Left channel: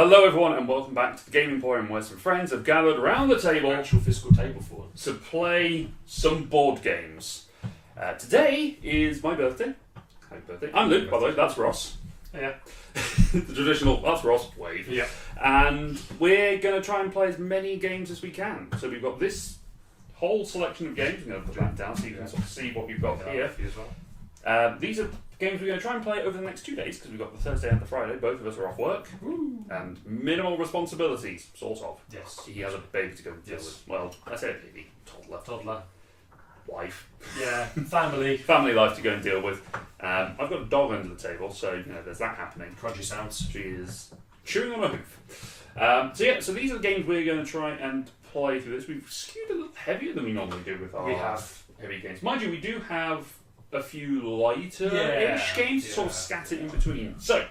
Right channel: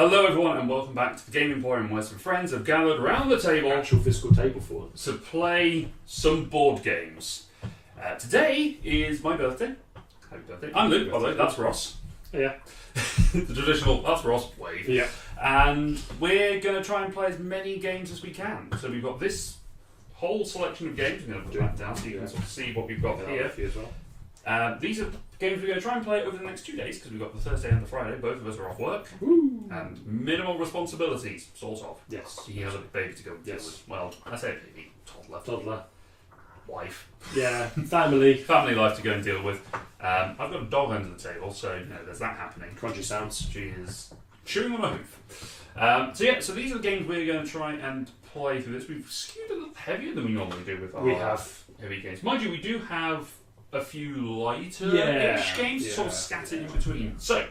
Hello everyone and welcome back to the Game Emporium where some friends have gathered around the table Actual physical table for us. to play some board games. Today is my birthday. Happy birthday. I'm Luke, by the way, that's Ross. Yeah. The traditional, that's Ross, wave. Yeah. And we're going to try and play as many games as we can. So we've got this whole selection of games. I'm going to put that down so you can sort of see what we've got here. As well. These are games we're going to try and play over the next 2 days because we've got the Thursday and the Friday. Both of us are off work. Woo. And minimal responsibilities, sort of. Yes. He has a baby to go deal with. Well, I say baby, toddler, wife. Yeah. Family. Family life to go and deal with. I've got a dog under the table, so there's that happening. Crunchy sounds. She is chewing on a hoof. So these are the games we're going to try and play through this. We've skewed a little heavier than we normally do with our heavy games. Mind you, we do have a few lighter-ish games sort of scattered in between. So,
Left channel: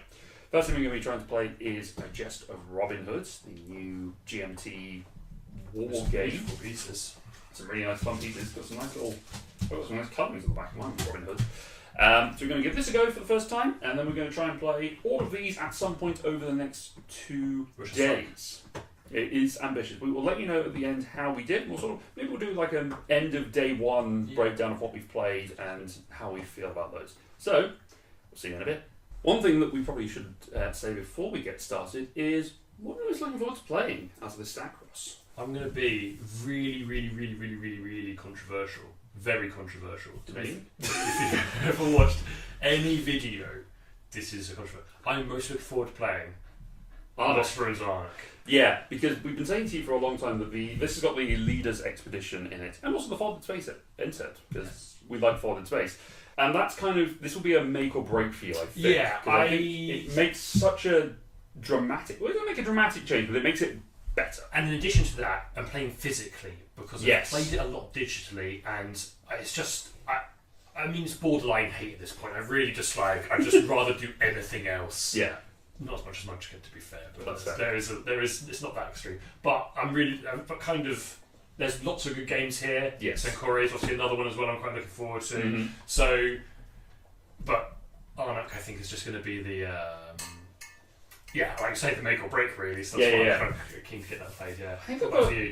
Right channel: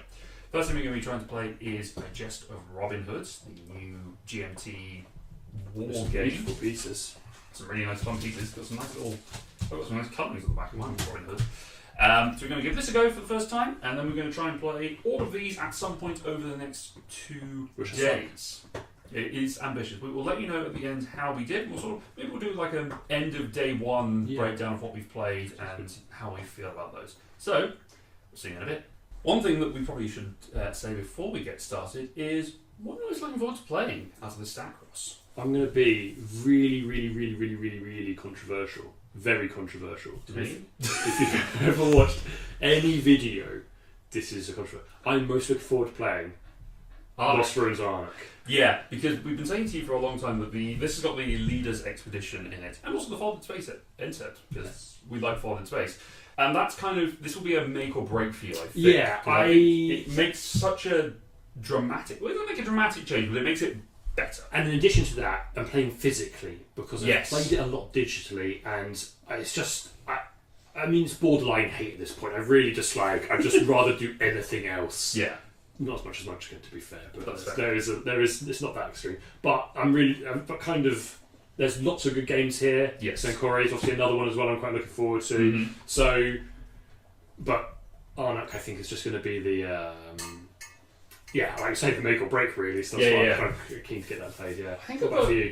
first thing we're going to be trying to play is Digest of Robin Hood, the new GMT war game. Beautiful pieces. Some really nice fun pieces. Got some nice little, got some nice colours on the back of mine, Robin Hood. So we're going to give this a go for the first time, and then we're going to try and play all of these at some point over the next 2 days. It is ambitious. We will let you know at the end how we did. Maybe we'll do like an end of day one breakdown of what we've played and how we feel about those. So, we'll see you in a bit. One thing that we probably should say before we get started is what are we looking forward to playing out of this stack, Ross? I'm going to be really controversial. Very controversial. If you've ever watched any video, this is a controversial. I'm most looking forward to playing Lost Ruins of Arnak. Yeah, because we've been saying to you for a long time that this has got the Leader's Expedition in it, and also the Folded Space insert, because we like Folded Space. And that's this will be a make or break for you, I think. Yeah, it makes such a dramatic, well, it doesn't make a dramatic change, but it makes it better. And in addition to that, I'm playing physically, because I've Yes. played it a lot digitally, and it's just, I mean, it's borderline hate at this point. I really dislike, I'd just rather do anything else. Yeah. Not as much as Munchkin, to be fair, but That's fair. there is, it's not that extreme. But there's lots of good games here. Yes. Senkore is obviously another one as well I'm quite looking forward to. Mm-hmm. So, but Arnak, I think, is just going to be the, like I say, the make or break, really. So that's why I'm kind of keen to get that played, yeah.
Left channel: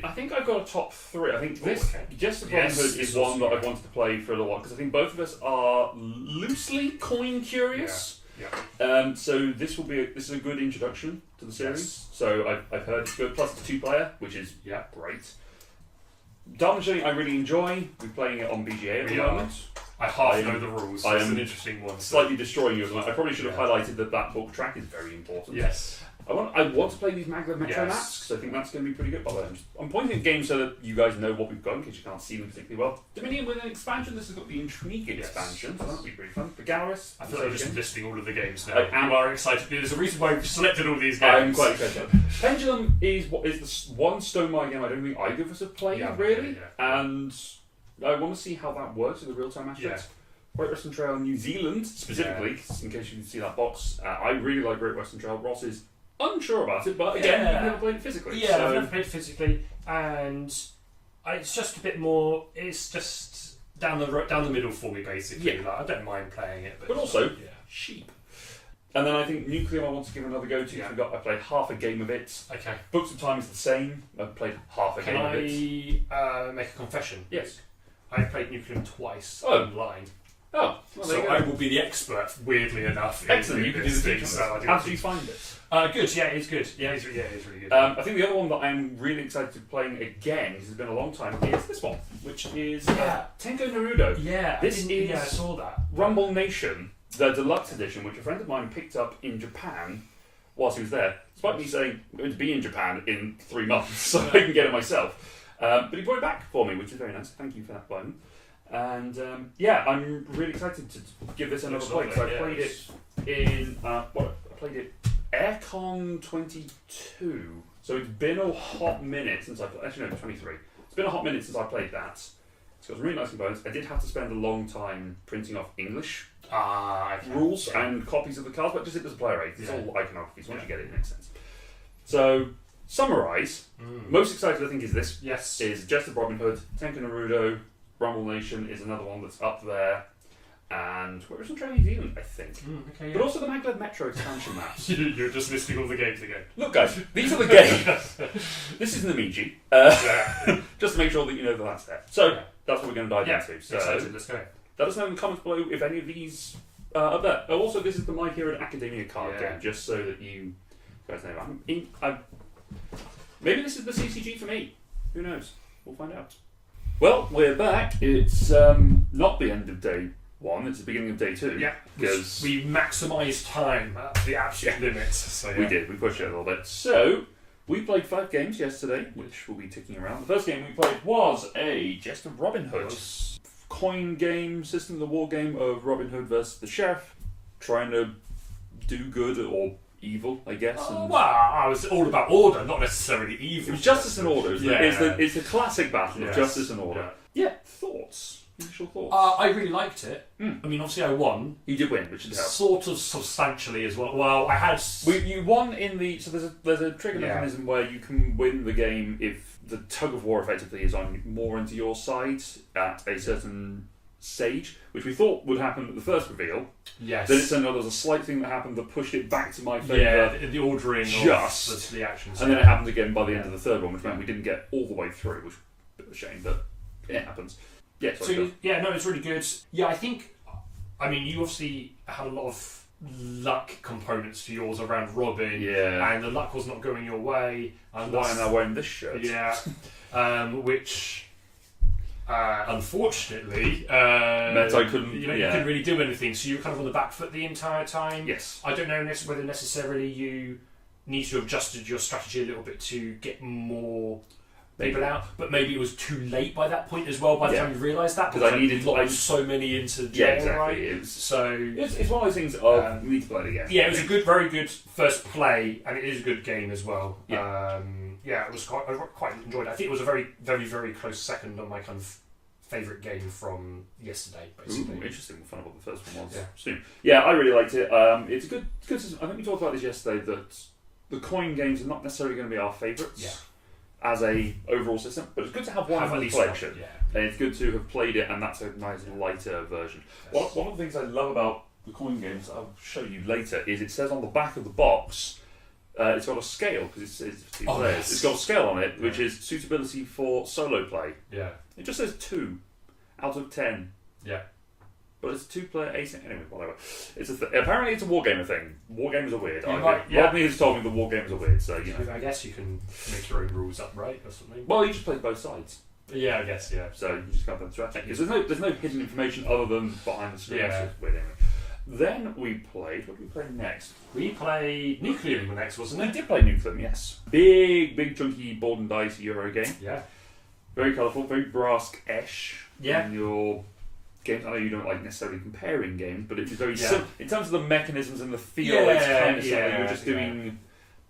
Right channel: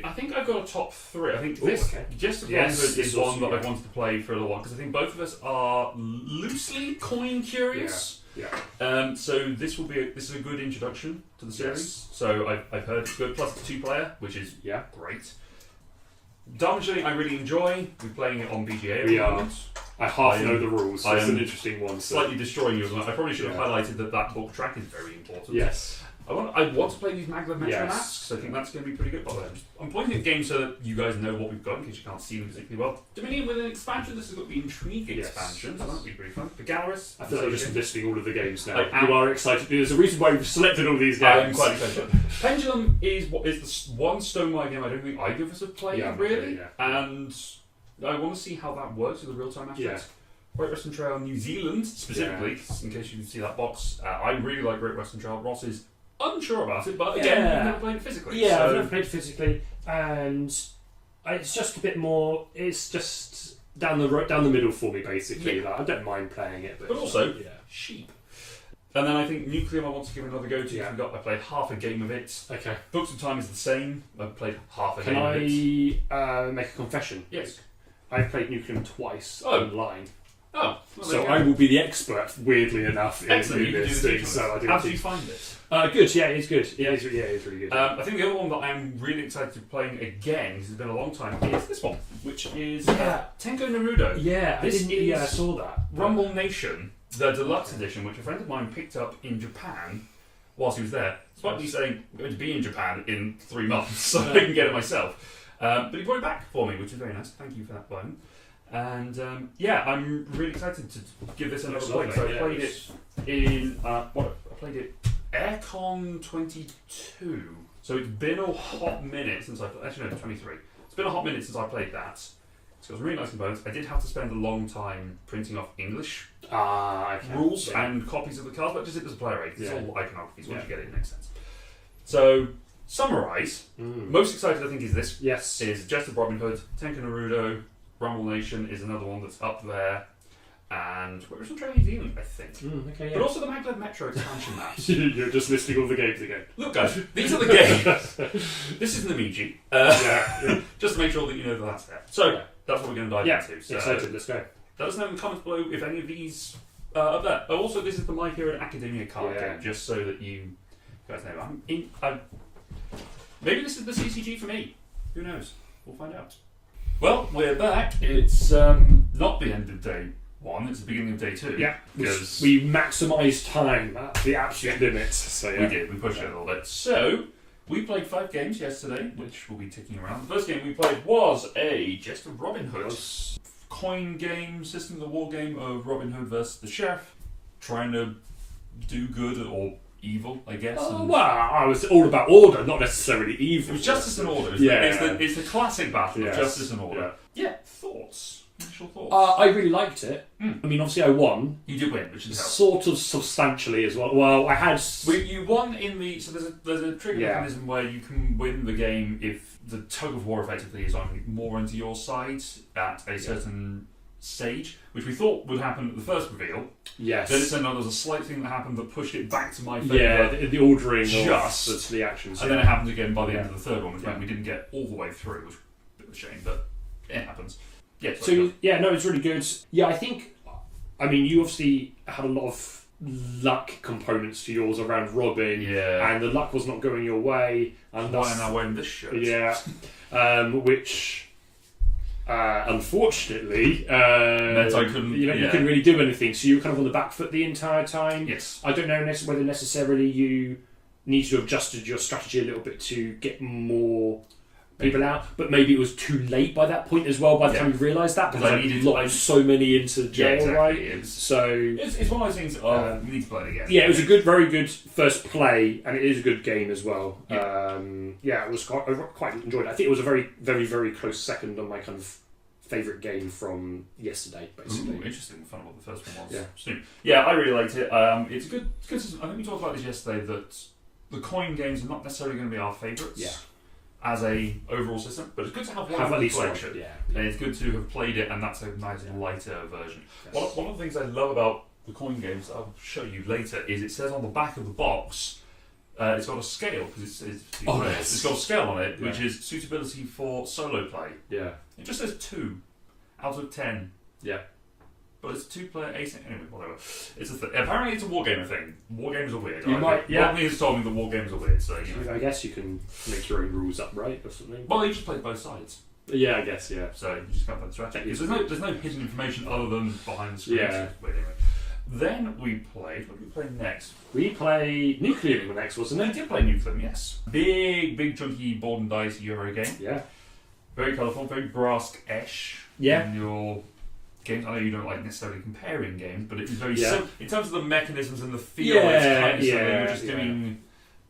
I think I've got a top 3. I think this, Just of Robin Hood is one that I wanted to play for a little while, because I think both of us are loosely coin curious. Yeah. So this is a good introduction to the series. Yes. So I've heard it's good. Plus it's 2-player, which is great. Darwin I really enjoy. We're playing it on BGA at the moment. I half know the rules. So it's an interesting one. Slightly destroying you. I probably should have highlighted that book track is very important. Yes. I want to play these Maglev Metro maps, so I think that's going to be pretty good. By the way, I'm pointing at games so that you guys know what we've got, in case you can't see them particularly well. Dominion with an expansion. This has got the Intrigue expansion, so that'll be pretty fun. For Garrus, I feel like we're just listing all of the games now. You are excited. There's a reason why we've selected all these games. I'm quite excited. Pendulum is the one Stonemaier game I don't think either of us have played, really. And I want to see how that works with the real-time aspects. Great Western Trail New Zealand, specifically, in case you see that box. I really like Great Western Trail. Ross is unsure about it, but again, we've never played it physically. Yeah, I've never played it physically, and it's just a bit more. It's just down the middle for me, basically. Yeah. Like, I don't mind playing it, but also cheap. And then I think Nuclear I want to give another go to. Yeah. I played half a game of it. Okay. Books of Time is the same. I've played half a Can game of it. Can I make a confession? Yes. I've played Nuclear twice online. Oh, well, so I will be the expert, weirdly enough, in this thing. How did you find it? Good, yeah, he's good. Yeah, he's really good. I think the other one that I'm really excited to be playing again, because it's been a long time, is this one, which is Tenko Naruto. Yeah, I saw that. Rumble Nation, the deluxe edition, which a friend of mine picked up in Japan whilst he was there. Despite me saying I'm going to be in Japan in 3 months, so I can get it myself. But he brought it back for me, which is very nice. Thank you for that, Biden. And I'm really excited to give this another play. So I played it in I played it Aircon 22. So it's been a hot minute since I 23. It's been a hot minute since I played that. It's got some really nice components. I did have to spend a long time printing off English rules and copies of the cards, but just it as a player aid. It's all iconography, so once you get it, it makes sense. So summarise. Most excited I think is this. Yes. Is Jest of Robin Hood, Tenko Naruto. Rumble Nation is another one that's up there. and we're in New Zealand, I think. Okay, But also the Maglev Metro expansion maps. You're just listing all the games again. Look, guys, these are the games. This is Namiji. Yeah. Just to make sure that you know that that's there. So Yeah. that's what we're going to dive Yeah, into. So excited. Let's go. let us know in the comments below if any of these are there. But also, this is the My Hero Academia card Yeah. game, just so that you guys know. Maybe this is the CCG for me. Who knows? We'll find out. Well, we're back. It's not the end of day one, it's the beginning of day two. Yeah, because we maximised time at the absolute limits. So we did, we pushed it a little bit. So, we played 5 games yesterday, which will be ticking around. The first game we played was a Jest of Robin Hood. Coin game, system, the war game of Robin Hood versus the Sheriff, trying to do good or evil, I guess. Oh, and well, I was all about order, not necessarily evil. it was Justice and Order. Yeah. It's the classic battle Yes. of Justice and Order. Yeah, thoughts? Initial thoughts? I really liked it. Mm. I mean, obviously I won. You did win, which is helpful. Sort of substantially as well. Well, I had... You won in the... So there's a trigger Yeah. mechanism where you can win the game if the tug of war effectively is on more into your side at a certain stage, which we thought would happen at the first reveal. Yes. Then it turned out there was a slight thing that happened that pushed it back to my favour. Yeah, the ordering Just. of the actions. And then it happened again by the end Yeah. of the third one, which meant Yeah. we didn't get all the way through, which is a bit of a shame, but it happens. Yeah, So, yeah, no, it's really good. Yeah, I think... I mean, you obviously had a lot of luck components to yours around Robin. yeah. And the luck was not going your way. And Why that's- am I wearing this shirt? Yeah, which unfortunately Meant I couldn't- You yeah. couldn't really do anything, so you were kind of on the back foot the entire time. Yes. I don't know whether necessarily you need to have adjusted your strategy a little bit to get more people out, but maybe it was too late by that point as well. By the Yeah. time you realised that, Because I needed- locked so many into the jail, Yeah, exactly. right? It's, So it's one of those things of we need to play it again. yeah, it was a good, very good first play, and it is a good game as well. Yeah. Yeah, it was I quite enjoyed it. I think it was a very, very, very close second on my kind of favourite game from yesterday, basically. Ooh, interesting. We'll find out what the first one was Yeah. soon. Yeah, I really liked it. It's a good system. I think we talked about this yesterday, that the coin games are not necessarily going to be our favourites Yeah. as a overall system, but it's good to have one Have at of least the one, flagship. yeah. And it's good to have played it, and that's a nice lighter version. One of the things I love about the coin games, I'll show you later, is it says on the back of the box, it's got a scale, because it's got a scale on it, which is suitability for solo play. Yeah. It just says 2 out of 10. Yeah. But it's 2-player async. Anyway, whatever. It's apparently it's a wargamer thing. Wargames are weird. Rodney has told me the wargames are weird, so you know. I guess you can make your own rules up, right, or something. Well, you just play both sides, Yeah, I guess, yeah. so you just got that strategy. Because there's no hidden information other than behind the screen. Yeah. So it's weird anyway. Then we played. What did we play next? We played Nuclear next, wasn't We it? did play Nucleum, yes. Big chunky board and dice Euro game. Yeah. Very colourful, very Brask-esh. Yeah. In your games, I know you don't like necessarily comparing games, but it's very Yeah. in terms of the mechanisms and the feel. Yeah, it's kind of similar. yeah, You're just yeah. doing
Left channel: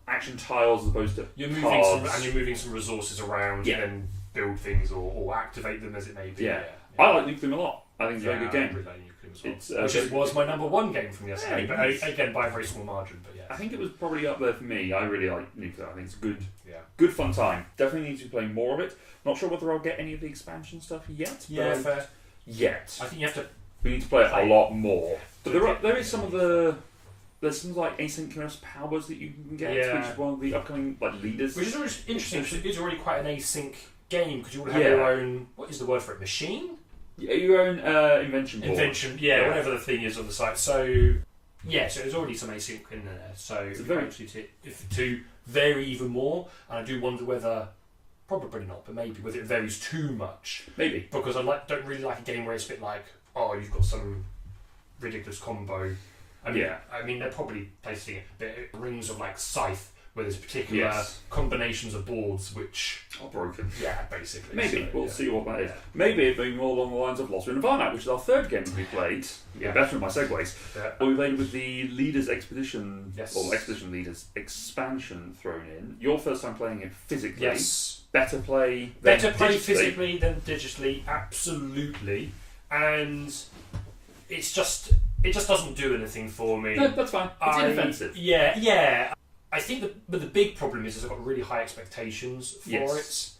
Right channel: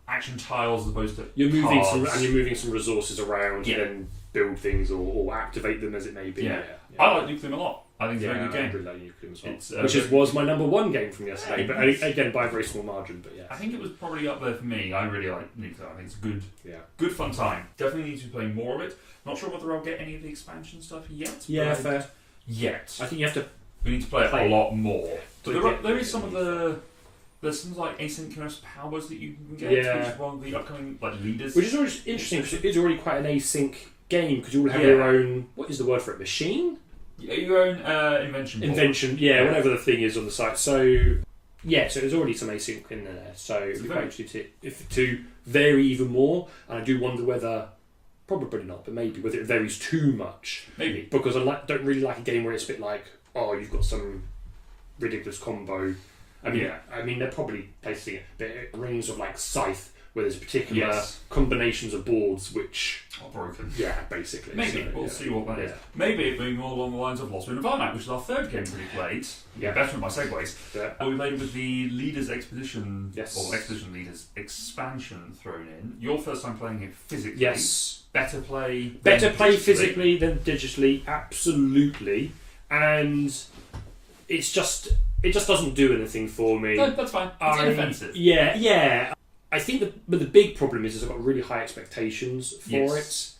action tiles as opposed to You're moving cards. you're moving some resources around Yeah. and build things or activate them as it may be. Yeah. I like Nucleum a lot. I think it's a very good I game. really like Nuclear as well. It's, Which was my number one game from yesterday, Yeah, but nice. again by a very small margin. But yeah, I think it was probably up there for me. I really like Nuclear. I think it's good, yeah. good fun time. Definitely need to be playing more of it. Not sure whether I'll get any of the expansion stuff yet. Yeah, but fair. Yet. I think you have to. We need to play it Play a lot more. But Yeah. there is some of there's some like asynchronous powers that you can get, Yeah. which is one of the upcoming like leaders. Which is always interesting because it is already quite an async game because you all have Yeah. your own. What is the word for it? Machine? Your own invention board. Invention, yeah, Yeah. whatever the thing is on the site. So, yeah, so there's already some async in there. So, It's it's very- quite interesting to vary even more. And I do wonder whether, probably not, but maybe whether it varies too much. Maybe. Because I don't really like a game where it's a bit like, oh, you've got some ridiculous combo. I mean, Yeah. they're probably placing it, but it rings of like Scythe, where there's particular Yes. combinations of boards which, Are broken. yeah, basically. Maybe. So, We'll yeah. see what that is. Yeah. Maybe it being more along the lines of Lost Ruin of Arnak, which is our third game we played. Yeah. Better than my segues. Yeah. But we played with the Leaders Expedition, Yes. or Expedition Leaders expansion thrown in. Your first time playing it physically. Yes. Better play. Better than play digitally. physically than digitally, absolutely. And it just doesn't do anything for me. No, that's fine. It's inoffensive. Yeah. I think but the big problem is I've got really high expectations for Yes.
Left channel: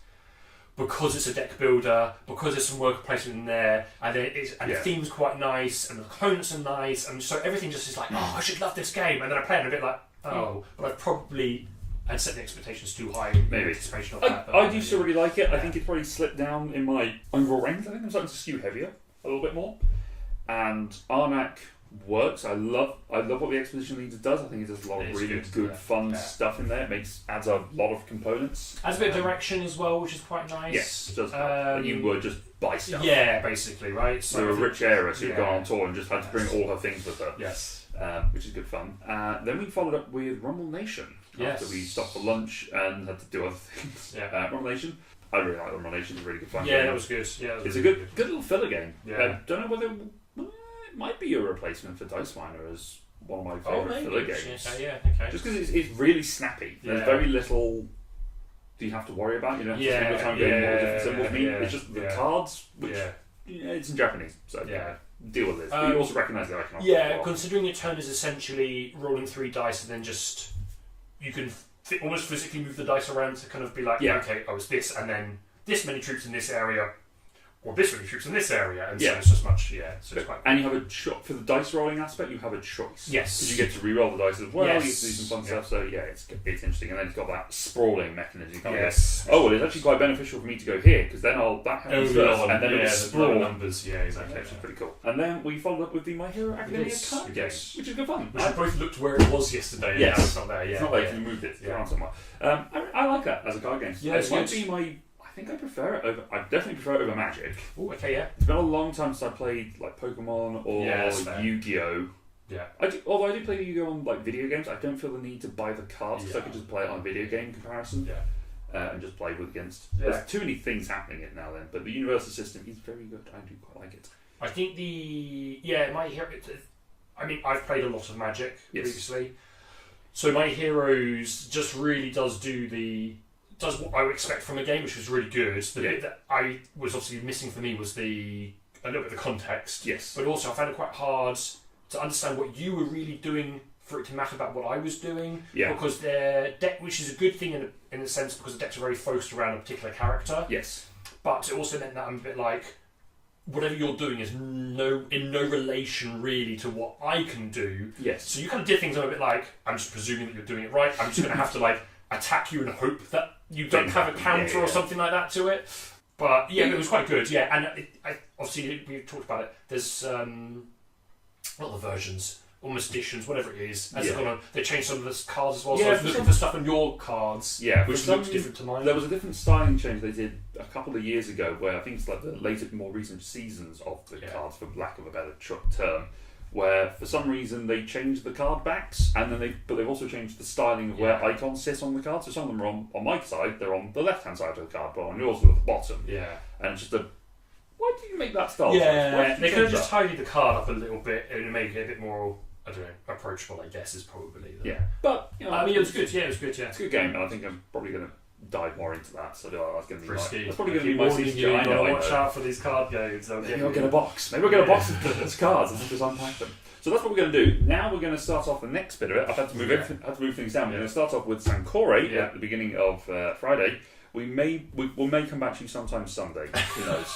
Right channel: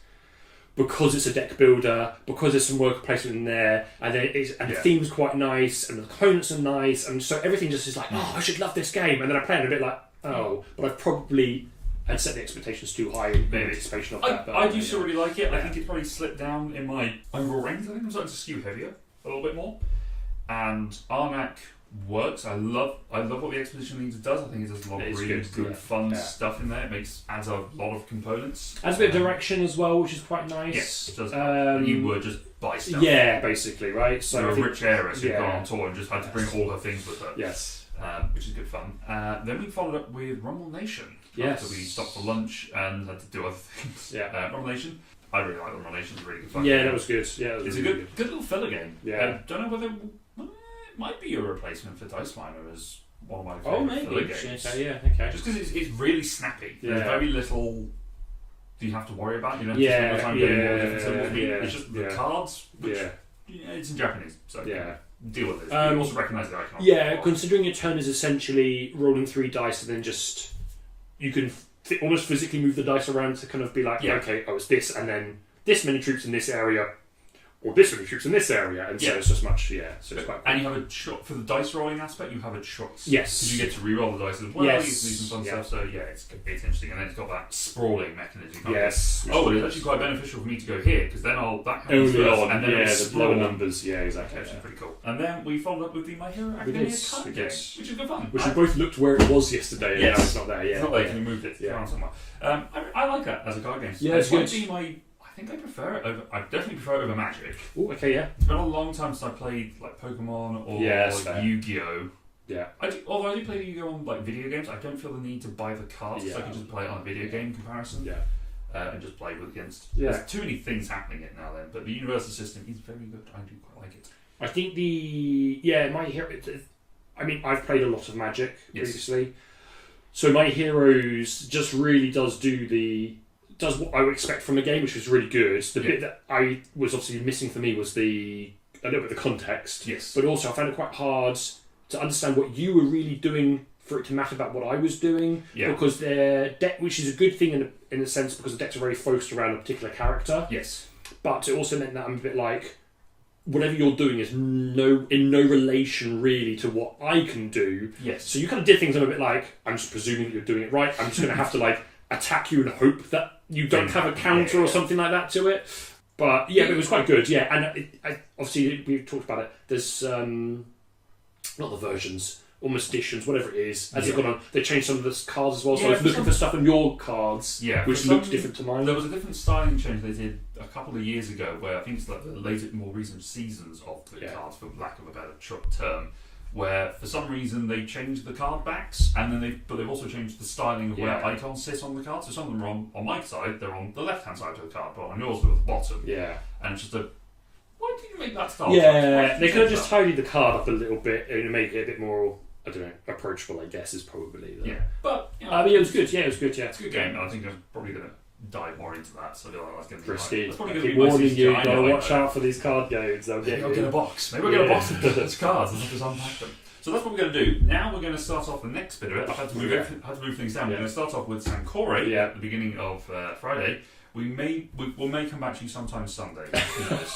it. because it's a deck builder, because there's some worker placement in there, and the theme's quite nice, and the components are nice, and so everything just is like, oh, I should love this game, and then I play it a bit like, oh, but I've probably had set the expectations too high in anticipation of that. But I do still really like it. I think it's probably slipped down in my overall rankings. I think I'm starting to skew heavier a little bit more, and Arnak works. I love what the Expedition Leader does. I think it does a lot of really good fun stuff in there. It adds a lot of components. Adds a bit of direction as well, which is quite nice. Yes, it does. You were just buy stuff. Yeah, basically, right? So a rich heiress who'd gone on tour and just had to bring all her things with her. Yes. Which is good fun. Then we followed up with Rumble Nation. Yes. After we stopped for lunch and had to do other things. Yeah. Rumble Nation. I really like Rumble Nation. It's really good fun. Yeah, that was good. Yeah, it's a good little filler game. Yeah. Don't know whether it might be a replacement for Dice Miner as one of my favourite filler games. Okay. Just because it's really snappy. There's very little you have to worry about. You don't have to spend your time doing all the different symbols. It's just the cards, which it's in Japanese, so deal with it. But you also recognise their economic. Yeah, considering your turn is essentially rolling 3 dice and then just you can almost physically move the dice around to kind of be like, okay, I was this, and then this many troops in this area, or this many troops in this area, and so it's just much, so it's quite. And you have a shot for the dice rolling aspect. You have a choice. Yes, because you get to re-roll the dice as well. Yes, you get to do some fun stuff. So it's interesting. And then it's got that sprawling mechanism. Yes. Well, it's actually quite beneficial for me to go here because then I'll back out and then it's the lower numbers. Yeah, exactly. Which is pretty cool. And then we followed up with the My Hero Academia card game, which is good fun. Which we both looked where it was yesterday. And now it's not there. Yeah, it's not there. You moved it around somewhere. I like that as a card game. Yeah, it's good. I think I prefer it over. I definitely prefer it over Magic. Oh, okay, yeah. It's been a long time since I played like Pokemon or Yu-Gi-Oh. Yeah. Although I do play Yu-Gi-Oh on like video games, I don't feel the need to buy the cards because I can just play it on a video game comparison. Yeah. And just play against. Yeah. There's too many things happening it now then, but the universal system is very good. I do quite like it. I think My Hero. I mean, I've played a lot of Magic previously, so My Heroes just really does what I would expect from a game, which was really good. The bit that I was obviously missing for me was a little bit of the context. Yes. But also I found it quite hard to understand what you were really doing for it to matter about what I was doing. Yeah. Because their deck, which is a good thing in a sense, because the decks are very focused around a particular character. Yes. But it also meant that I'm a bit like, whatever you're doing is in no relation really to what I can do. Yes. So you kind of did things I'm a bit like, I'm just presuming that you're doing it right. I'm just going to have to like attack you and hope that you don't have a counter or something like that to it. But it was quite good. Yeah, and obviously we talked about it. There's not the versions, almost editions, whatever it is. As they've gone on, they changed some of the cards as well. So I was looking for stuff in your cards, which looked different to mine. There was a different styling change they did a couple of years ago, where I think it's like the more recent seasons of the cards, for lack of a better term. Where for some reason they changed the card backs, and then they've also changed the styling of where icons sit on the card. So some of them are on my side, they're on the left hand side of the card, but on yours they're at the bottom. Yeah, and it's just why did you make that style? Yeah, they could have just tidied the card up a little bit and made it a bit more, I don't know, approachable. I guess is probably but I mean, it was good. Yeah, it was good. Yeah, it's a good game, and I think I'm probably going to dive more into that. So that's going to be risky. That's probably going to be warning you. Got to watch out for these card games. Maybe I'll get a box. Maybe I'll get a box of those cards and just unpack them. So that's what we're going to do. Now we're going to start off the next bit of it. I've had to move things down. We're going to start off with Sankore at the beginning of Friday. We may come back to you sometime Sunday. Who knows?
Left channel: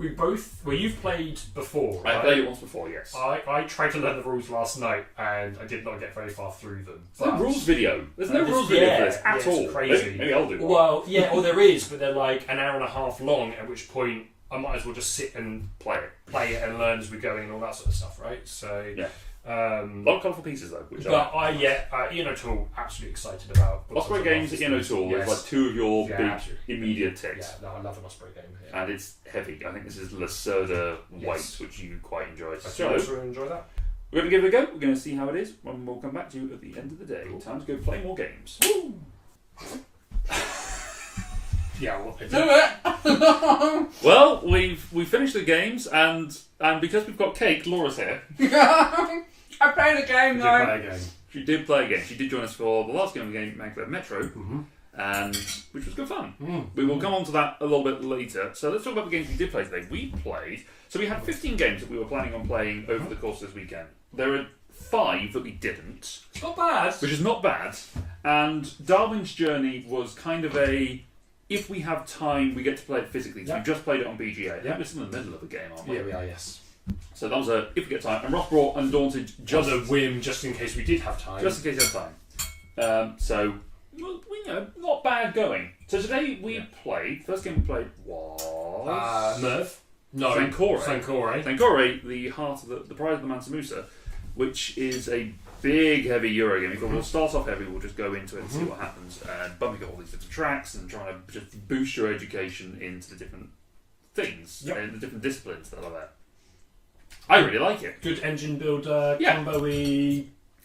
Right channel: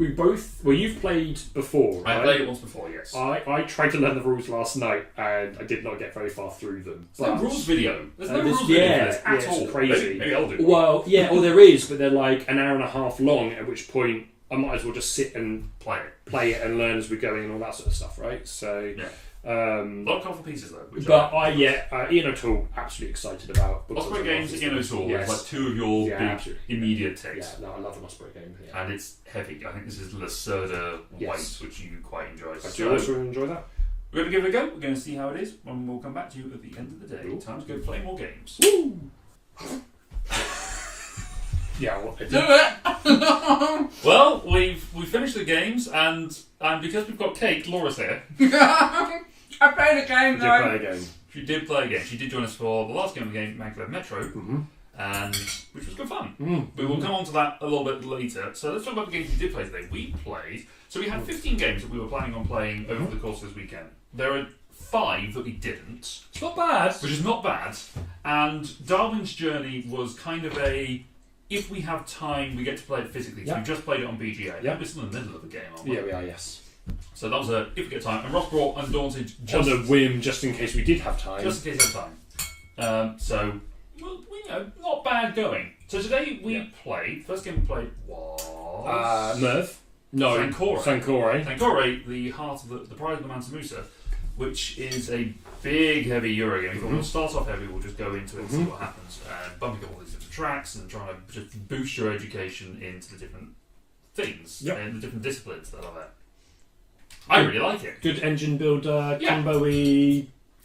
we both. Well, you've played before. Right? I played it once before. Yes. I tried to learn the rules last night and I did not get very far through them. There's no rules video. There's no rules video for this at all. It's crazy. Maybe I'll do one. Well, well, there is, but they're like an hour and a half long. At which point, I might as well just sit and play it and learn as we're going and all that sort of stuff, right? So a lot of colourful pieces though. Ian O'Toole, absolutely excited about. Osprey Games, Ian O'Toole is like two of your big immediate takes. Yeah, no, I love an Osprey game. Yeah. And it's heavy. I think this is Lacerda White, which you quite enjoy. I also enjoy that. We're going to give it a go. We're going to see how it is, and we'll come back to you at the end of the day. Cool. Time to go play more games. Woo! Well, we finished the games, and because we've got Kate, Laura's here. I played a game though. She did play a game. She did join us for the last game of the game, Maglev Metro, and which was good fun. We will come on to that a little bit later. So let's talk about the games we did play today. We had 15 games that we were planning on playing over the course of this weekend. There are 5 that we didn't. It's not bad. Which is not bad. And Darwin's Journey was kind of a, if we have time, we get to play it physically. So Yeah. we just played it on BGA. Yeah. We're still in the middle of the game, aren't we? Yeah, we are, yes. So that was a, if we get time. And Ross brought Undaunted Just a whim, just in case we did have time. just in case you have time. So, well, not bad going. So today we played, first game we played was... Merv? No. Sankore. Sankore. Sankore, the heart of the Pride of the Mansa Musa, which is a big, heavy Euro game. We'll start off heavy, we'll just go into it and see what happens. And bumping all these different tracks and trying to just boost your education into the different things and the different disciplines that are there. I really like it. Good engine builder, Yeah. combo-y,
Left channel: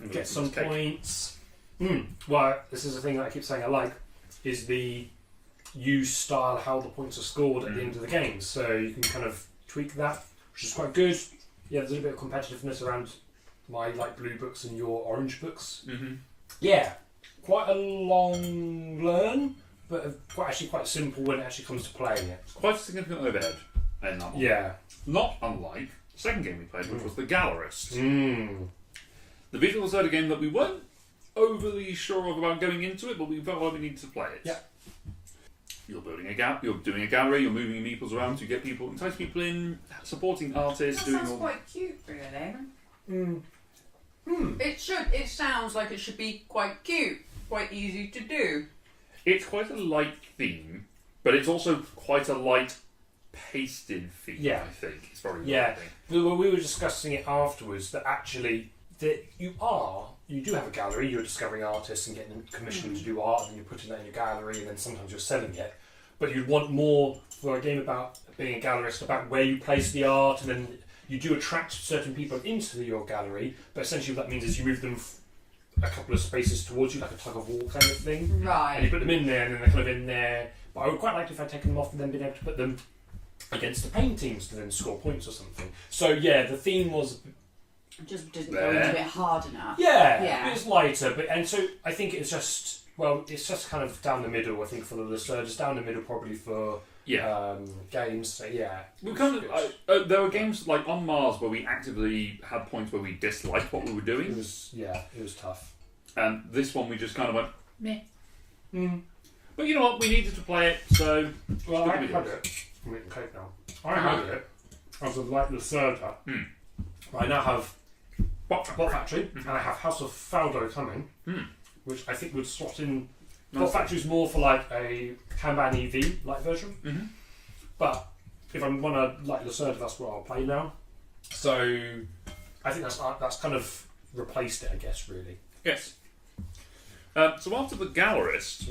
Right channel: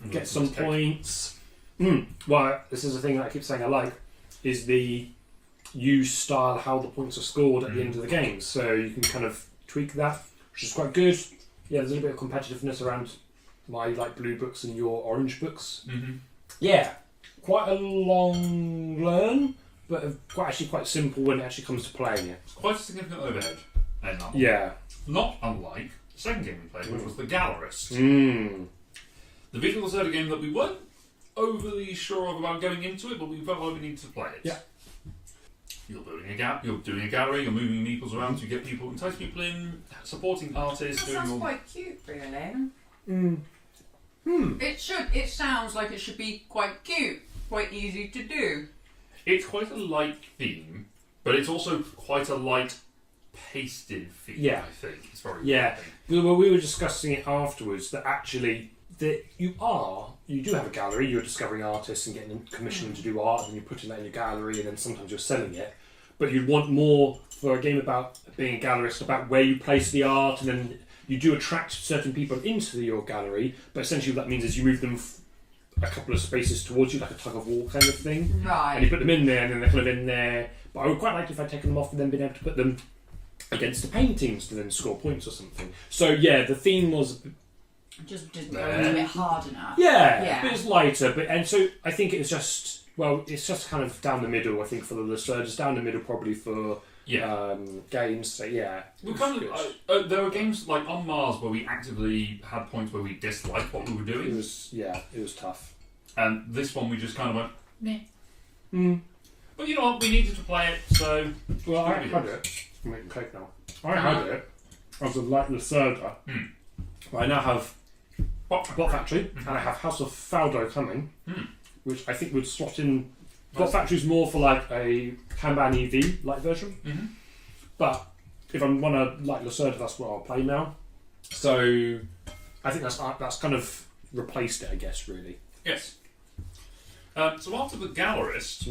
get Let's some take- points. Well, this is the thing that I keep saying I like, is the use style, how the points are scored at the end of the game. So you can kind of tweak that, which is quite good. Yeah, there's a little bit of competitiveness around my blue books and your orange books. Mm-hmm. Yeah, quite a long learn, but quite simple when it actually comes to playing it. It's quite a significant overhead in that one. Yeah. Not unlike the second game we played, which was the Gallerist. The visual third game that we weren't overly sure of about going into it, but we felt like we needed to play it. Yeah. You're building a gap, you're doing a gallery, you're moving meeples around to get people, entice people in, supporting artists, That doing sounds all... quite cute, really. It sounds like it should be quite cute, quite easy to do. It's quite a light theme, but it's also quite a light pasted theme, Yeah. I think. It's very Yeah. light. Well, we were discussing it afterwards that actually that you do have a gallery, you're discovering artists and getting them commissioned to do art, and you're putting that in your gallery, and then sometimes you're selling it. But you'd want more for a game about being a gallerist, about where you place the art, and then you do attract certain people into your gallery, but essentially what that means is you move them a couple of spaces towards you, like a tug of war kind of thing. And you Right. put them in there, and then they're kind of in there. But I would quite like if I'd taken them off and then been able to put them against the paintings to then score points or something. So yeah, the theme was It just didn't go into it hard enough. it was lighter, and so I think it's just kind of down the middle. I think for the Luster, just down the middle probably for games. So yeah, We kind of there were games like on Mars where we actively had points where we disliked what we were it doing, was tough. and this one we just kind of went meh. Mm. But you know what? We needed to play it, so Well, I had it. I'm making cake now. I had it as a light Lucerda. I now have Bot Factory, and I have House of Faldo coming, which I think would slot in. Bot Factory is more for like a Kanban EV light version, but if I want to like Lucerda, that's what I'll play now. So I think that's kind of replaced it, I guess, really. Yes. So after the Gallerist,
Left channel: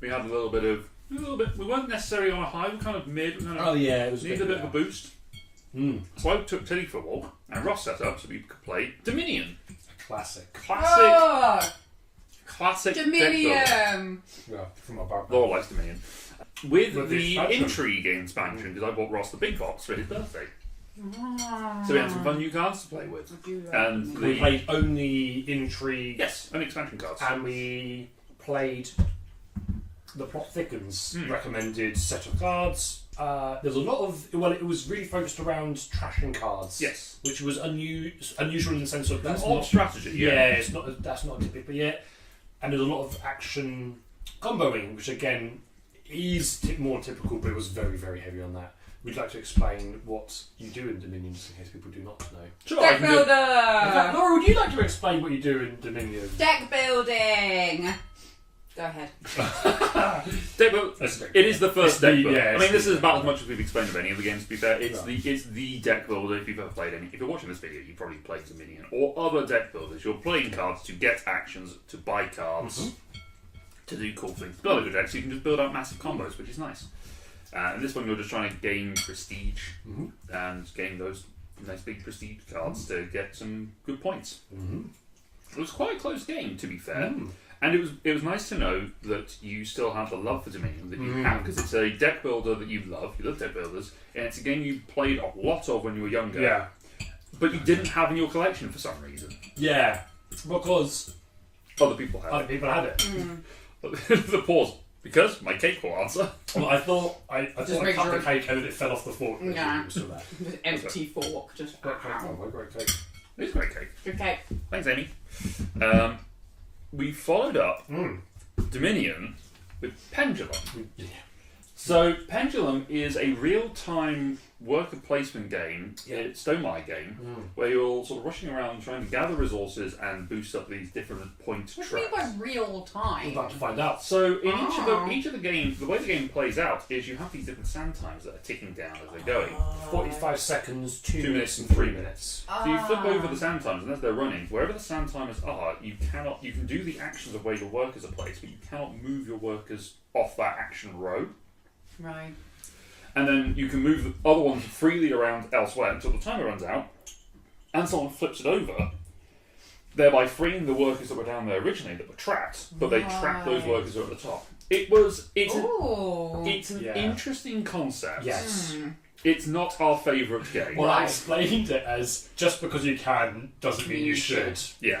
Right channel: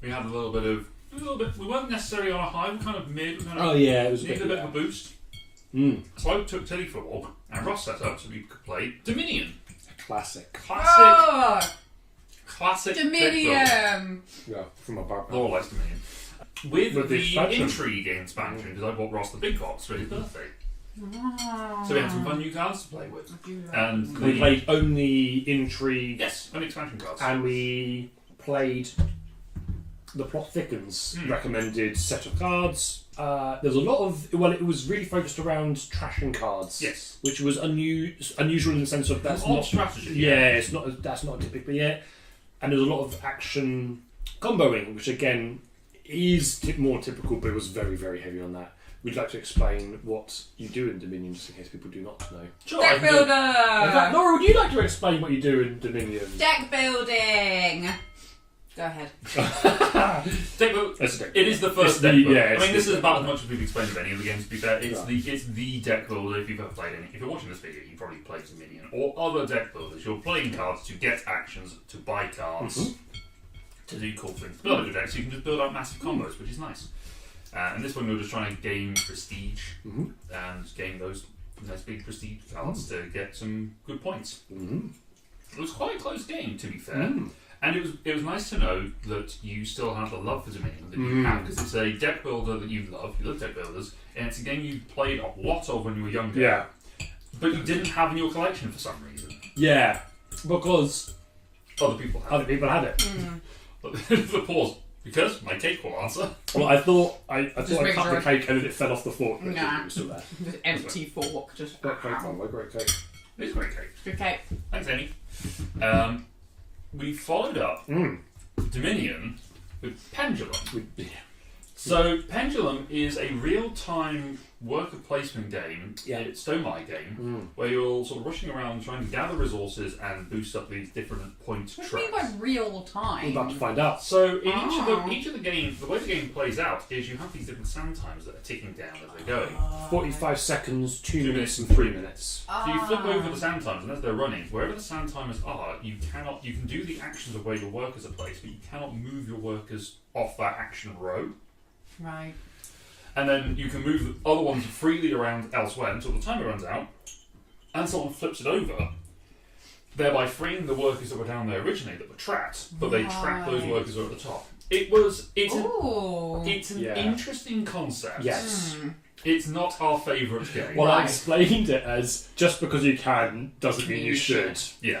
we had a little bit. We weren't necessarily on a high. We were kind of mid. We kind of Yeah, it was needed a bit of a boost. So I took Tilly for a walk, and Ross set up so we could play Dominion. Classic. Classic deck builder. Dominion! Yeah, from my bar. Laura likes Dominion. With With the the expansion. Intrigue expansion, because I bought Ross the big box for his birthday. So we had some fun new cards to play with. And We played only Intrigue. Yes, only expansion cards. And we played the Plot Thickens recommended set of cards. There's a lot of it was really focused around trashing cards. Yes. Which was unusual in the sense of that's An odd not strategy. Yeah, that's not typically it. And there's a lot of action comboing, which again is more typical, but it was very, very heavy on that. We'd like to explain what you do in Dominion, just in case people do not know. Sure, I Deck can do it. builder! Laura, would you like to explain what you do in Dominion? Deck building! Go ahead. Deck build- That's a deck It is the first It's deck the- builder. yeah, I it's mean, this the- is about as much as we've explained of any of the games, to be fair. It's, Yeah. it's the deck builder if you've ever played any. If you're watching this video, you probably played Dominion or other deck builders. You're playing cards to get actions, to buy cards, to do cool things. Build a good deck so you can just build out massive combos, which is nice. And this one you're just trying to gain prestige and gain those nice big prestige cards to get some good points. It was quite a close game, to be fair. And it was nice to know that you still have the love for Dominion that you have, because it's a deck builder that you love deck builders, and it's a game you played a lot of when you were younger, Yeah. but you didn't have in your collection for some reason. Yeah. Because Other people have. other people had it. The pause. Because my cake will answer. Well, I thought I Just cut make the sure- cake and then it fell off the fork. but Nah. it was still there. With empty fork, just. Great cake, my great cake. It's a great cake. Okay. Thanks, Amy. we followed up Mm. Dominion with Pendulum. So Pendulum is a real-time worker placement game, it's Stonemaier game, where you're sort of rushing around trying to gather resources and boost up these different point What do you mean by tracks. real I'm time? about to find out. So in each of the games, the way the game plays out is you have these different sand times that are ticking down as they're going. 45 seconds, 2 2 minutes, and 3 minutes. So you flip over the sand times, and as they're running, wherever the sand timers are, you can do the actions of where your workers are placed, but you cannot move your workers off that action row. Right. And then you can move the other ones freely around elsewhere until the timer runs out, and someone flips it over, thereby freeing the workers that were down there originally that were trapped, but they track those workers who are at the top. It's an Yeah. interesting concept. Yes. It's not our favourite game. Well, I Right. explained it as just because you can doesn't mean you should. Yeah.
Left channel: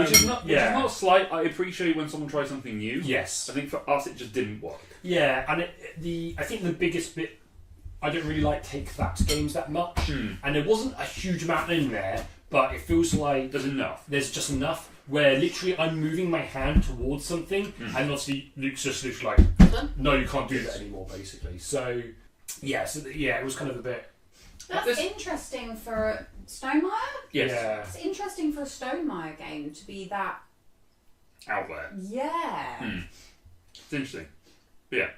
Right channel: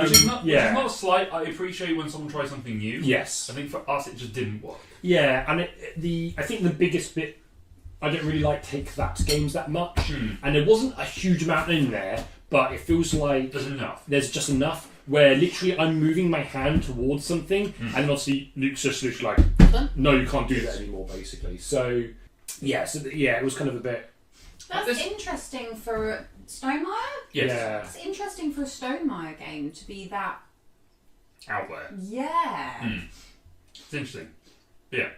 Which is not slight. I appreciate when someone tries something new. Yes. I think for us it just didn't work. Yeah, and I think the biggest bit, I don't really like Take That games that much, and there wasn't a huge amount in there, but it feels like There's enough. there's just enough where literally I'm moving my hand towards something, and obviously Luke's just literally like, no, you can't do that anymore, basically. So, it was kind of a bit. That's interesting for Stonemaier. Yes. Yeah. It's interesting for a Stonemaier game to be that. Out there. Yeah. It's interesting. But yeah.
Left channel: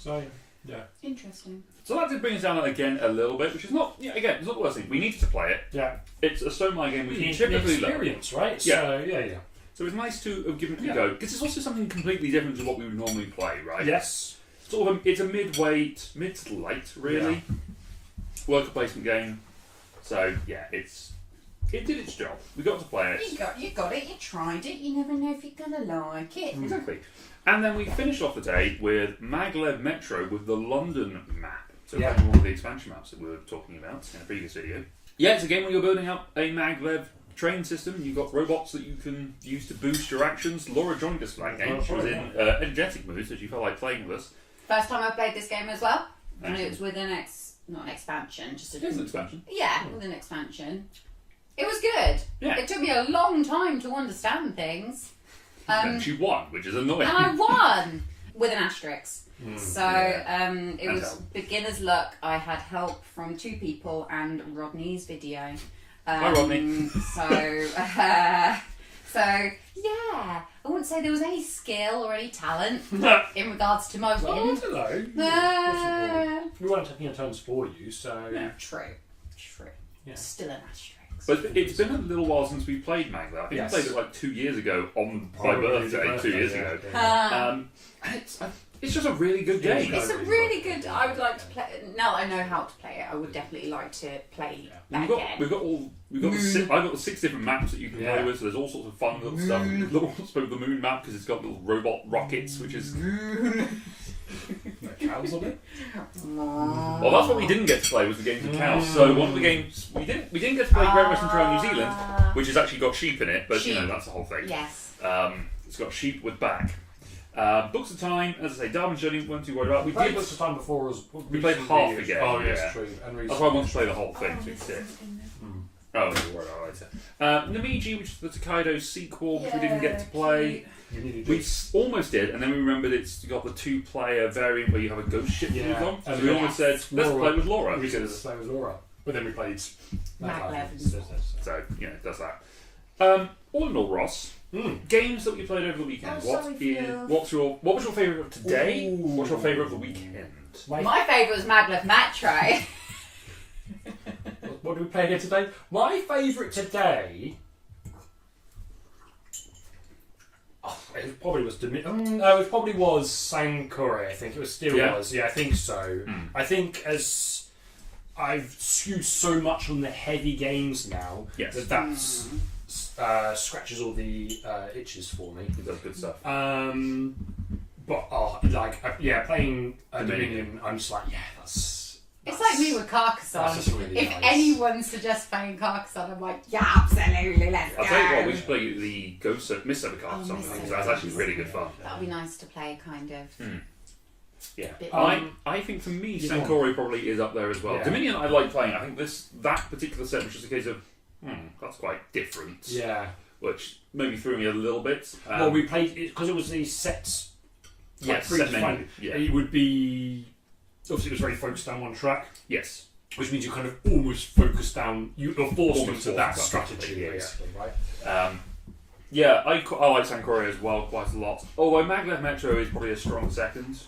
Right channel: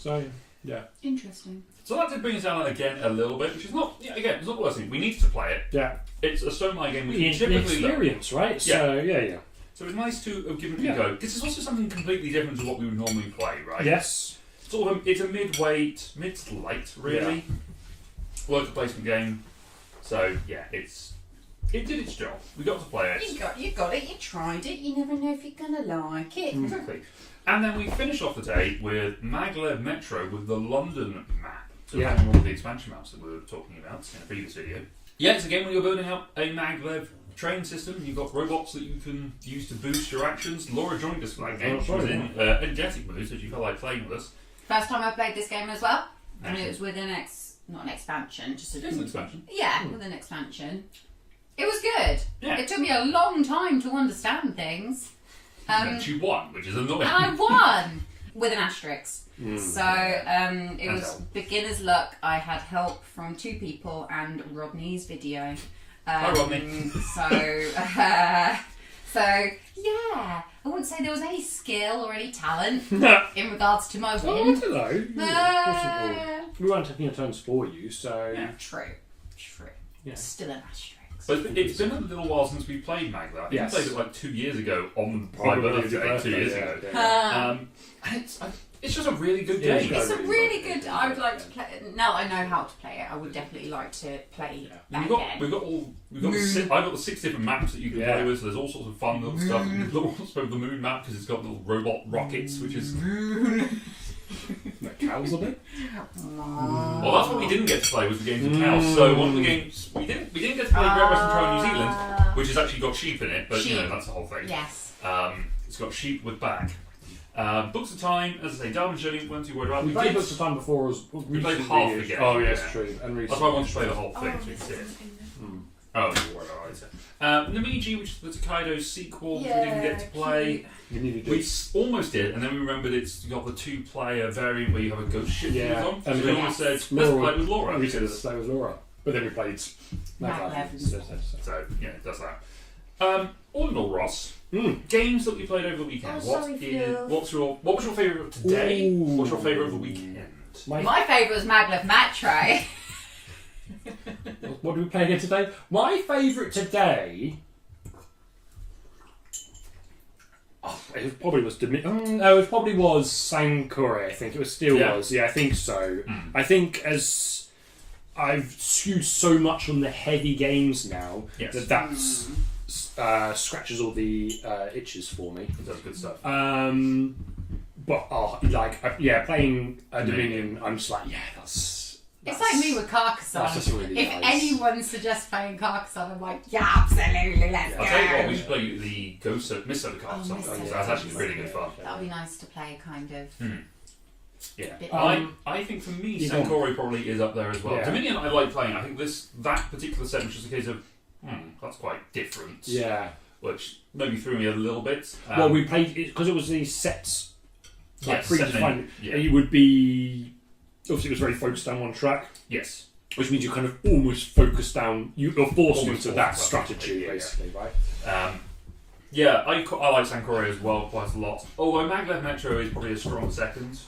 So, yeah. Interesting. So that did bring us down again a little bit, which is not, again, it's not the worst thing. We needed to play it. Yeah. It's a Stonemaier game we The can typically love. experience, right? Yeah. So, yeah. So it's nice to have given it Yeah. a go. This is also something completely different to what we would normally play, right? Yes. Sort of it's a mid to late, really. Worker placement game. So yeah, it did its job. We got to play it. You got it. You tried it. You never know if you're gonna like it. Exactly. And then we finished off the day with Maglev Metro with the London map. So Yeah. one of the expansion maps that we were talking about in a previous video. Yeah, it's a game where you're building up a Maglev train system. You've got robots that you can use to boost your actions. Laura joined us for that game. She was in energetic mood, so she felt like playing with us. First time I played this game as well, and Excellent. it was with not an expansion, just a It is an expansion. Yeah, with an expansion. It was good. Yeah. It took me a long time to understand things. And she won, which is annoying. And I won with an asterisk. So it And was help. beginner's luck. I had help from 2 people and Rodney's video. Hi, Rodney. So yeah, I wouldn't say there was any skill or any talent in regards to my Oh, I win. don't know. Uh, We weren't taking our turns for you, so. Yeah. True. Yeah. Still an asterisk. But it's been a little while since we played Maglev. I think Yes. we played it like 2 years ago on my birthday, 2 years ago. And it's just a really good Yeah, game. It's a really good. I would like to play. Now that I know how to play it, I would definitely like to play that We've got I've got the 6 different maps that you can play with. So there's all sorts of fun little stuff. The moon map because it's got little robot rockets, which is Cows on it? well, that's what we didn't get to play was the games of cows. So one of the games we didn't get to play Great Western Trail New Zealand, which has actually got sheep in it, but you know Sheep. that's the whole thing. Yes. It's got sheep with back. Books of Time, as I say, Derbyshire didn't weren't too worried about. We played Books of Time before us. We played half the game. Oh, yes, Yeah. true. And That's why I wanted to play the whole thing. So we did. Oh, don't worry about it. Namiji, which is the Tokaido sequel, which we didn't get to play. We almost did, and then we remembered it's got the 2-player variant where you have a ghost ship to Yeah. move on. So And we we- almost said, let's play with Laura. We said let's play with Laura. But then we played Maglev. So, yeah, that's that. All in all, Ross, games that we played over the weekend. Oh, What sorry, was Phil. your favourite of today? Ooh. What's your favourite of the weekend? My favourite was Maglev Matray. What did we play again today? My favourite today. Oh, it probably was no, it probably was Sankore. I think it was still was. Yeah, I think so. I think as I've skewed so much on the heavy games now Yes. that's scratches all the itches for me. It does good stuff. But playing Dominion, I'm just like, yeah, that's. It's like me with Carcassonne. That's just really If nice. anyone suggests playing Carcassonne, I'm like, yeah, absolutely, let's I'll go. tell you what, we should play the Ghost of Miss Overcast Oh, something Miss because that's actually Overcast. really good fun. That would be nice to play, kind of. Yeah, Bit I think for me, you Sankore probably is up there as well. Yeah. Dominion, I like playing. I think that particular set was just a case of, that's quite different. Yeah. which maybe threw me a little bit. Well, we played because it was these sets. Like Yes, set menu, predefined. yeah. It would be obviously it was very focused down one track, Yes. which means you kind of almost focus down. You're forced Almost into that forced, strategy, yeah. basically, right? Yeah, I like Sankore as well quite a lot. Although Maglev Metro is probably a strong second,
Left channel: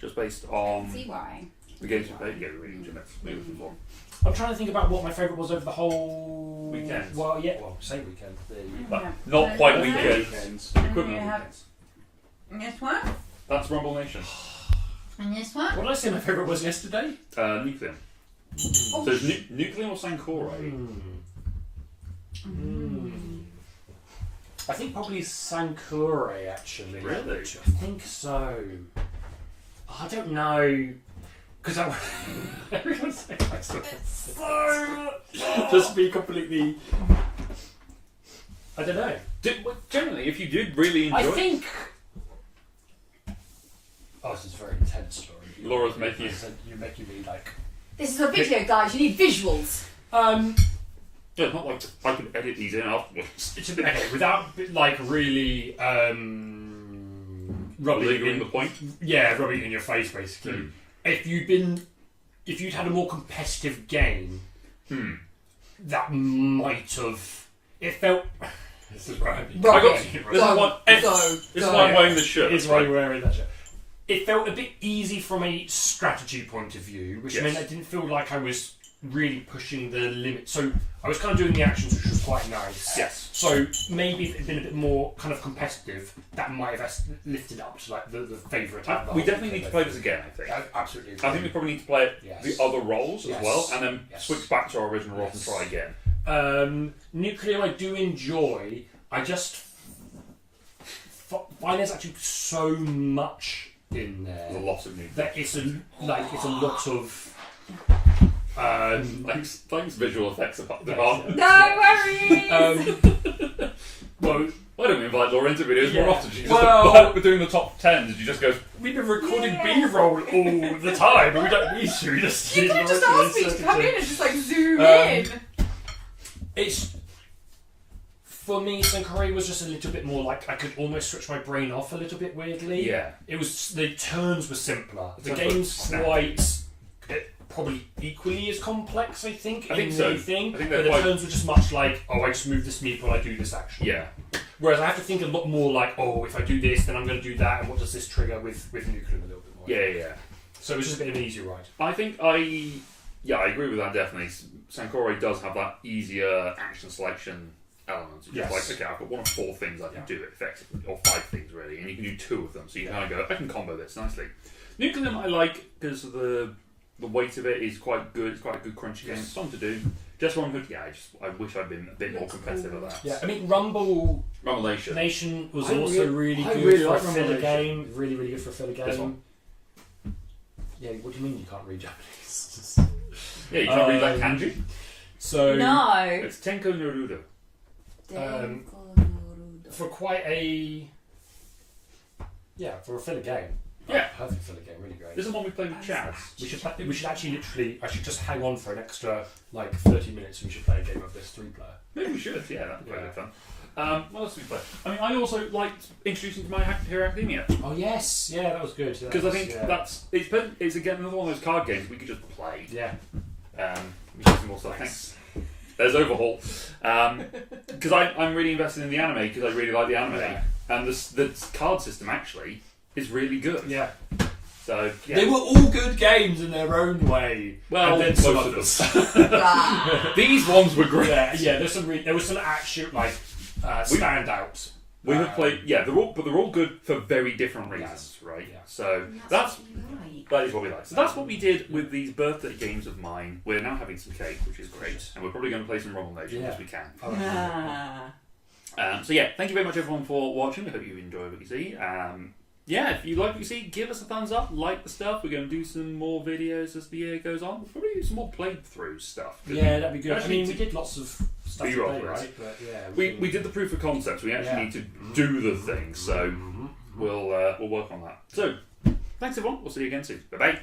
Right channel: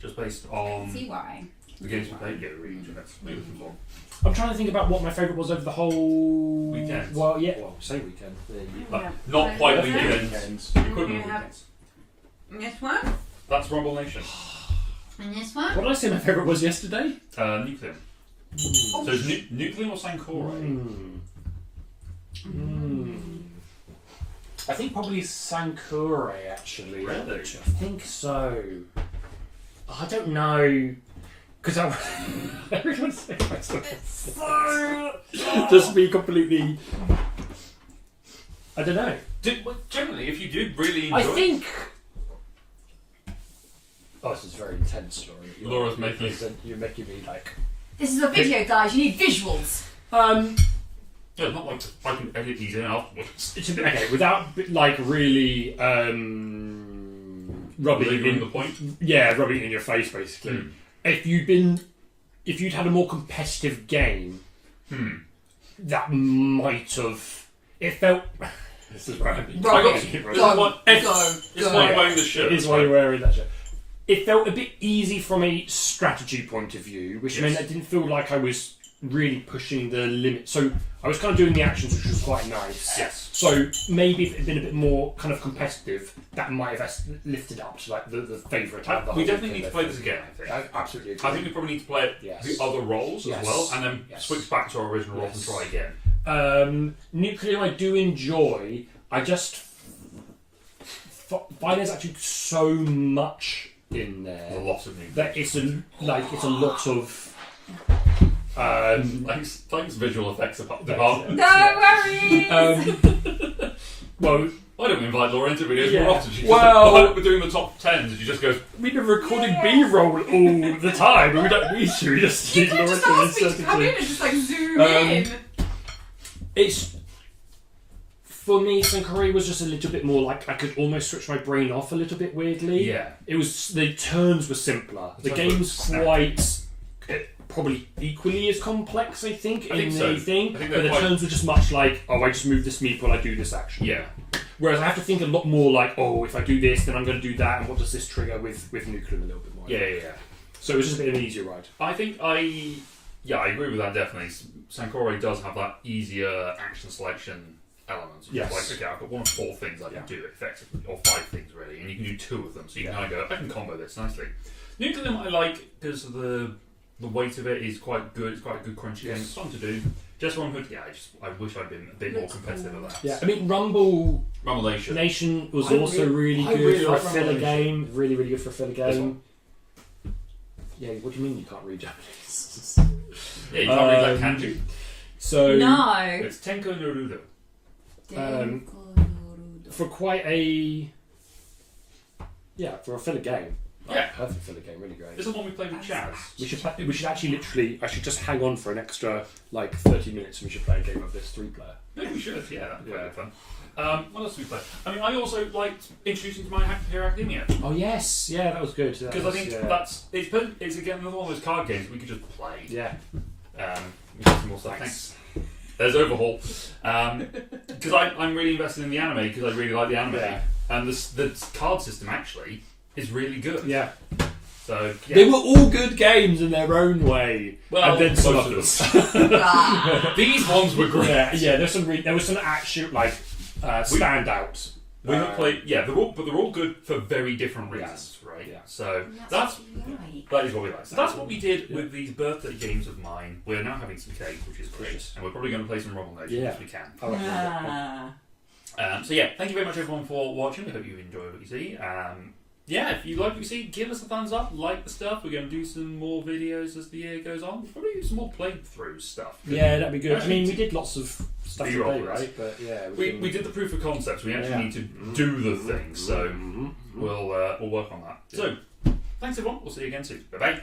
just based on See why? the games we played. Yeah, really enjoyed it. Maybe we can go on. I'm trying to think about what my favourite was over the whole Weekend. Well, yeah, well, say weekend. But not quite Okay. weekends. And Equivalent you of have weekends. this one. That's Rumble Nation. And this one? What did I say my favourite was yesterday? Nucleum. So it's Nucleum or Sankore? I think probably Sankore, actually. Really? I think so. I don't know. Because I everyone's saying just be completely. I don't know. Generally, if you do really enjoy I think. Oh, this is a very intense story. Laura's making You're making me like. This is a video, guys. You need visuals. yeah, it's not like I can edit these in afterwards. It's a bit okay without like really rubbing it Believing in the point. Yeah, rubbing it in your face basically. If you'd had a more competitive game, that might have. It felt. This is where I mean. Right. This is why I'm wearing the shirt. It is why you're wearing that shirt. It felt a bit easy from a strategy point of view, which meant I didn't feel like I was really pushing the limit. So I was kind of doing the actions, which was quite nice. Yes. So maybe if it had been a bit more kind of competitive, that might have lifted up to like the favourite. We definitely need to play this again, I think. Absolutely. I think we probably need to play it the other roles as well, and then switch back to our original roles and try again. Nuclear I do enjoy. I just find there's actually so much in there. A lot of new. That it's a lot of. Thanks, visual effects department. No worries. Well, Why don't we invite Laura into videos Yeah. more often? She just Well- we're doing the top 10s. She just goes, we've been recording B-roll all the time, and we don't need to. We just You need could have just asked me to come in and just like zoom in. It's for me. Sankore was just a little bit more like I could almost switch my brain off a little bit weirdly. yeah. It was the turns were simpler. The Turns game's were snap. quite probably equally as complex. I think. I think in so. the thing, I think but they're the quite- turns were just much like I just move this meep while I do this action. Yeah. Whereas I have to think a lot more like if I do this, then I'm going to do that, and what does this trigger with Nuclear a little bit more. Yeah. So it was just a bit of an easier ride. I think I agree with that definitely. Sankore does have that easier action selection element. It's Yes. like, okay, I've got one of 4 things I can do it effectively, or 5 things really, and you can do 2 of them, so you can kind of go, I can combo this nicely. Nucleum I like because the weight of it is quite good. It's quite a good crunchy game. It's fun to do. Just One Hood, I wish I'd been a bit more competitive at that. Yeah, I mean Rumble Rumble Nation was I also really really good for a like filler Rumble game. Really, really good for a filler This game. one? Yeah, what do you mean you can't read Japanese? Yeah, you can't read that kanji. So No. It's Tenko Naruto. for quite a for a filler game. Yeah. Perfect filler game, really great. This is one we played with Chaz. We should actually literally. I should just hang on for an extra 30 minutes, and we should play a game of this 3-player. Maybe we should, yeah, that'd be quite good fun. What else did we play? I mean, I also liked introducing to My Hero Academia. Oh yes, yeah, that was good. Because I think it's again another one of those card games we could just play. Yeah. We got some more stuff. Thanks. There's Overhaul. Because I'm really invested in the anime because I really like the anime. Yeah. And the card system actually is really good. Yeah. So, yeah. They were all good games in their own way. Well, and then some most of others. Ah. These ones were great. yeah. There was some actual standouts. We have played, they're all good for very different reasons, right? Yeah. So And that's what you like. that is what we like. So that's what we did with these birthday games of mine. We're now having some cake, which is great, and we're probably going to play some Rumble Nation if we can. I like that. Ah. So thank you very much everyone for watching. I hope you enjoy what you see. If you like what you see, give us a thumbs up, like the stuff. We're going to do some more videos as the year goes on. We'll probably do some more playthrough stuff. Yeah, that'd be good. I Actually, mean, we did lots of stuff B-roll today, with us. right? But yeah, We did the proof of concepts. We actually need to do the things, so we'll work on that. So, thanks everyone. We'll see you again soon. Bye bye.